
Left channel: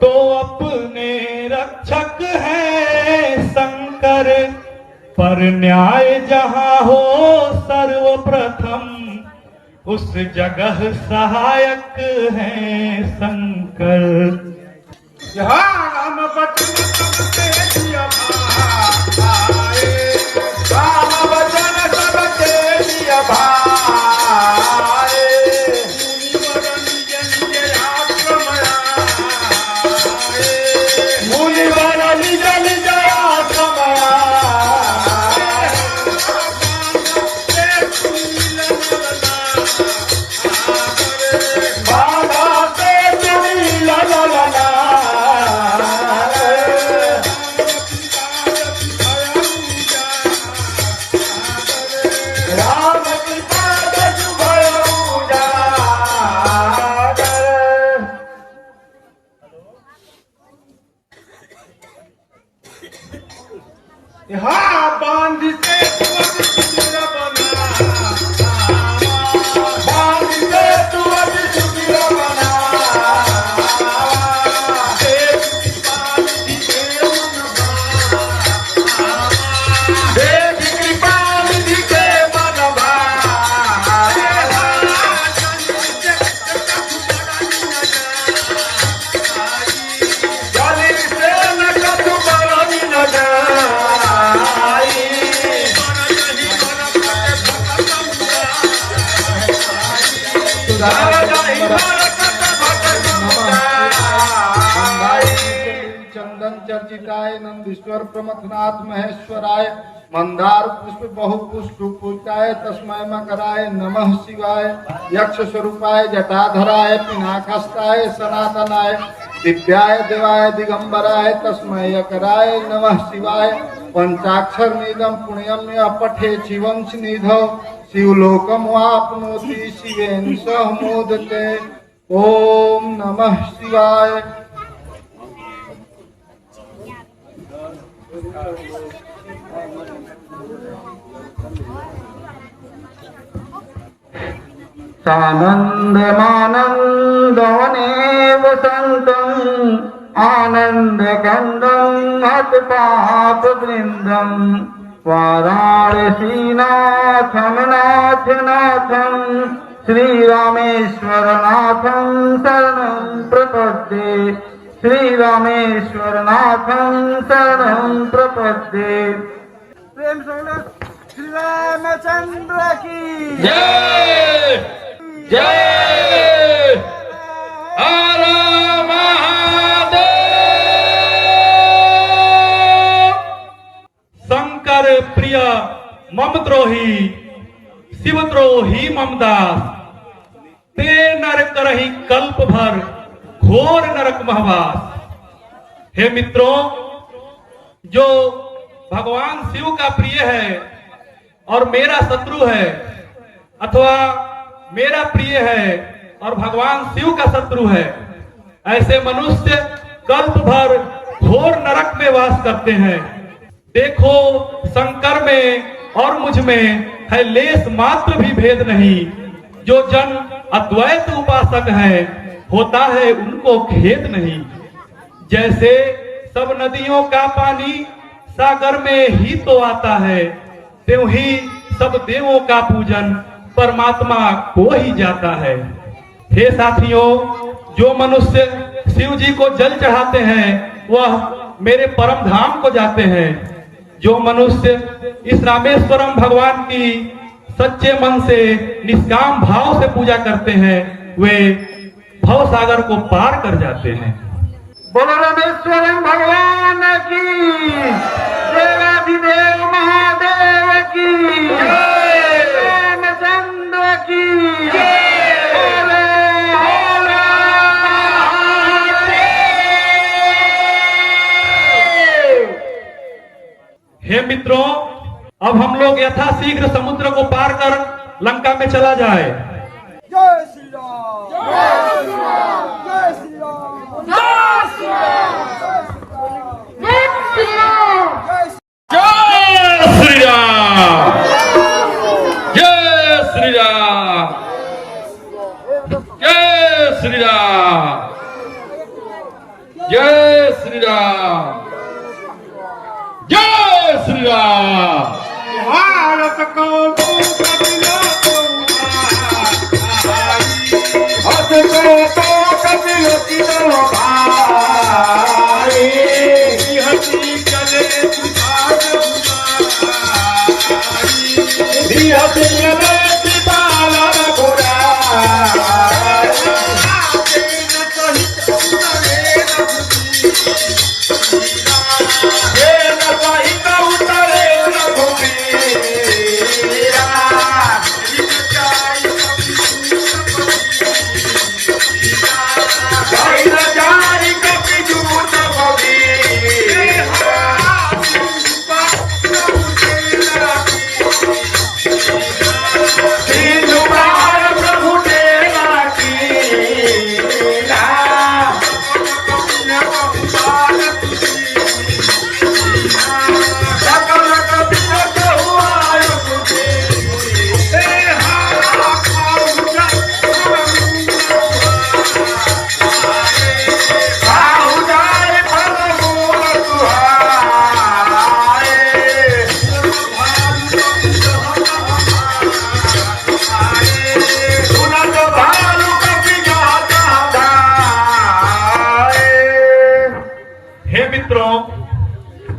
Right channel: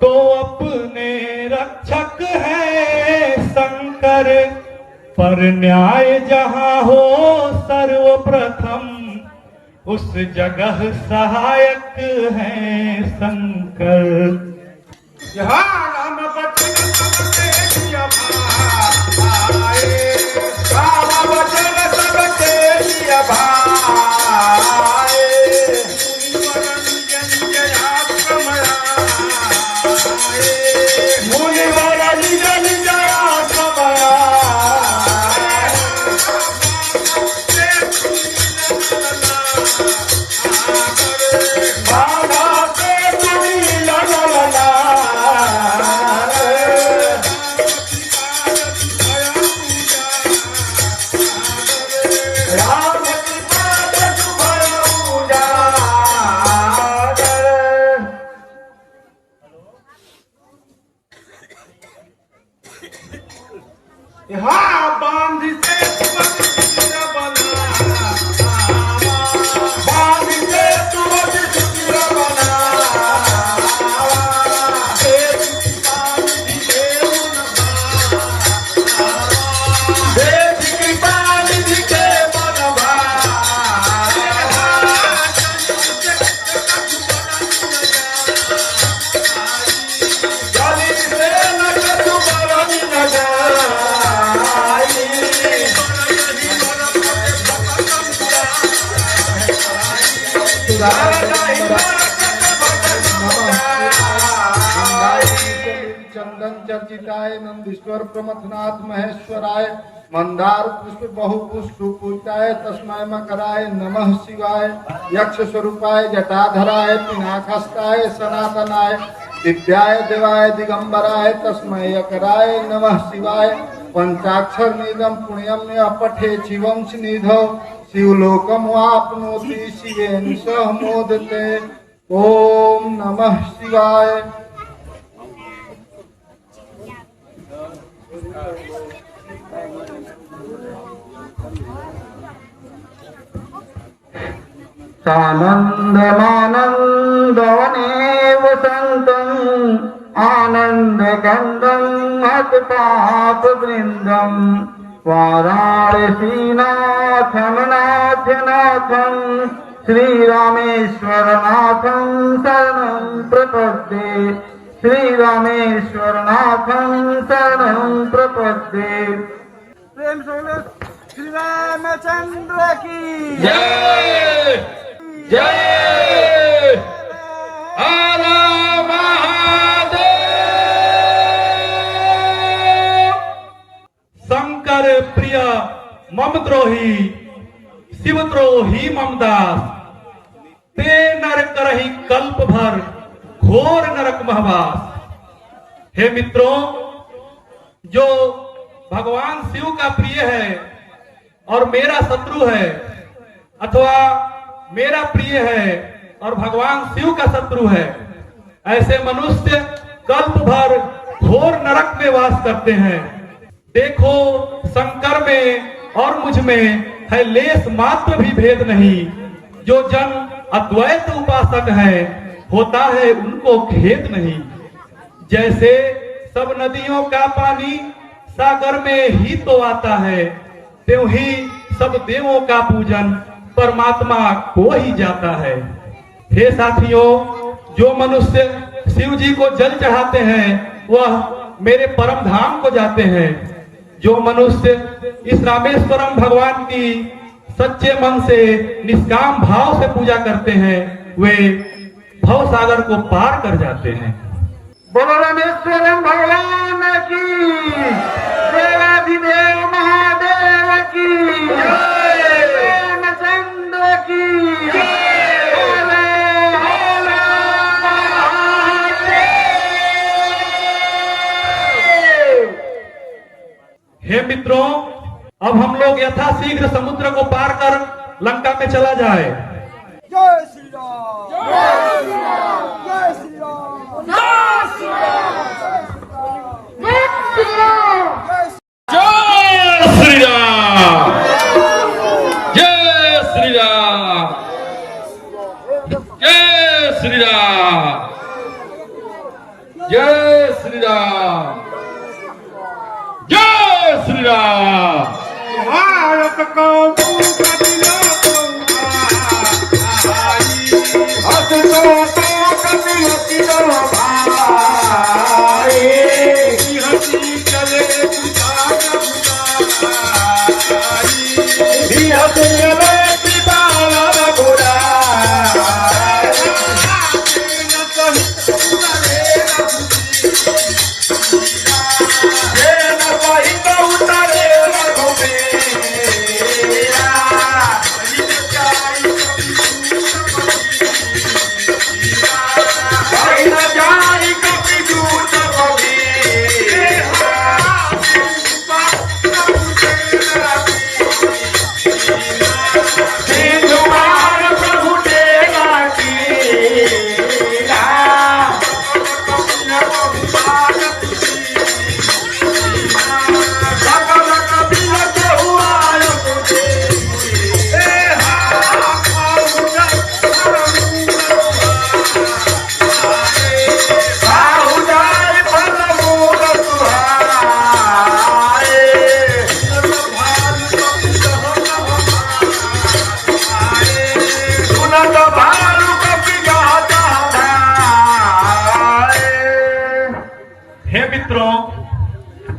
तो अपने रक्षक हैं शंकर। पर न्याय जहाँ हो सर्वप्रथम, उस जगह सहायक हैं शंकर। राम बचन सब तेरी भाए, राम बचन सब तेरी भाए। मुनिवर निज निज आश्रम आए। बाबा ते तुरी ला ला ला ला। हाँ बांध से सुंदर बना, बांध से सुंदर बना। देव कृपा निधि के मन भाए। गली से न कछु बरनी न जाए। चंदन चर्चिताय नंदीश्वर प्रमथनाथ महेश्वराय। मंदार पुष्प बहु पुष्प पूजाय, तस्मै मकराय नमः शिवाय। यक्ष स्वरूपाय जटाधराय, पिनाकस्ताय सनातनाय। दिव्याय देवाय दिगंबराय, तस्मै यकराय नमः शिवाय। पंचाक्षर निदम पुण्यम अपठे शिवंश निधो, शिवलोकम वाप्नोति शिवेन सह मोदते। ओम नमः शिवाय। सानन्दमानन्दवने वसन्तम्, आनन्दकन्दम् हतपापवृन्दम्। वाराणसीनाथं नाथनाथं, श्रीरामेश्वरनाथं शरणं प्रपद्ये। श्रीरामेश्वरनाथं शरणं प्रपद्ये। प्रेम से श्री रामचंद्र की जय जय। हर महादेव। शंकर प्रिय मम द्रोही, शिव द्रोही मम दास। ते नर करहि कल्प भर, घोर नरक महवास। हे मित्रों, जो भगवान शिव का प्रिय है और मेरा शत्रु है, अथवा मेरा प्रिय है और भगवान शिव का शत्रु है, ऐसे मनुष्य कल्प भर घोर नरक में वास करते हैं। देखो, शंकर में और मुझ में है लेस मात्र भी भेद नहीं। जो जन अद्वैत उपासक है, होता है उनको खेद नहीं। जैसे सब नदियों का पानी सागर में ही तो आता है, त्यों ही सब देवों का पूजन परमात्मा को ही जाता है। हे साथियों, जो मनुष्य शिव जी को जल चढ़ाते हैं वह मेरे परम धाम को जाते हैं। जो मनुष्य इस रामेश्वरम भगवान की सच्चे मन से निष्काम भाव से पूजा करते हैं वे भव सागर को पार कर जाते हैं। बोलो रामेश्वरम भगवान की, देवाधिदेव महादेव की, रामचंद्र की हे मित्रों, अब हम लोग यथाशीघ्र समुद्र को पार कर लंका में चला जाए। जय श्री राम, जय श्री राम, जय श्री राम, जय श्री राम, जय श्री राम, जय श्री राम, जय श्री राम, जय श्री राम, जय श्री राम। भारत को कबिला हस को कबिला की भाई हसी चले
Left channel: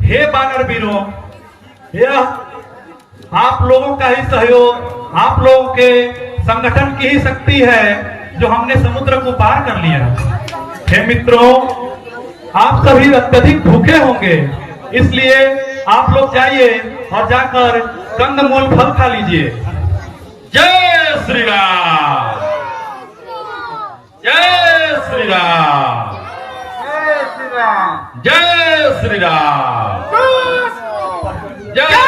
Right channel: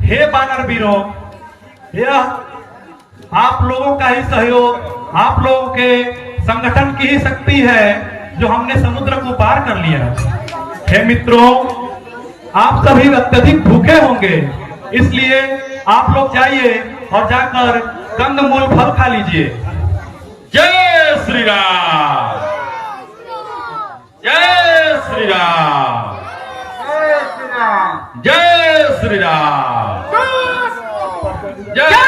हे बानर वीरों, यह आप लोगों का ही सहयोग, आप लोगों के संगठन की ही शक्ति है जो हमने समुद्र को पार कर लिया। हे मित्रों, आप सभी अत्यधिक भूखे होंगे, इसलिए आप लोग जाइए और जाकर कंदमूल फल खा लीजिए। जय श्री राम, जय श्री राम, जय श्री राम, जय श्री राम, जय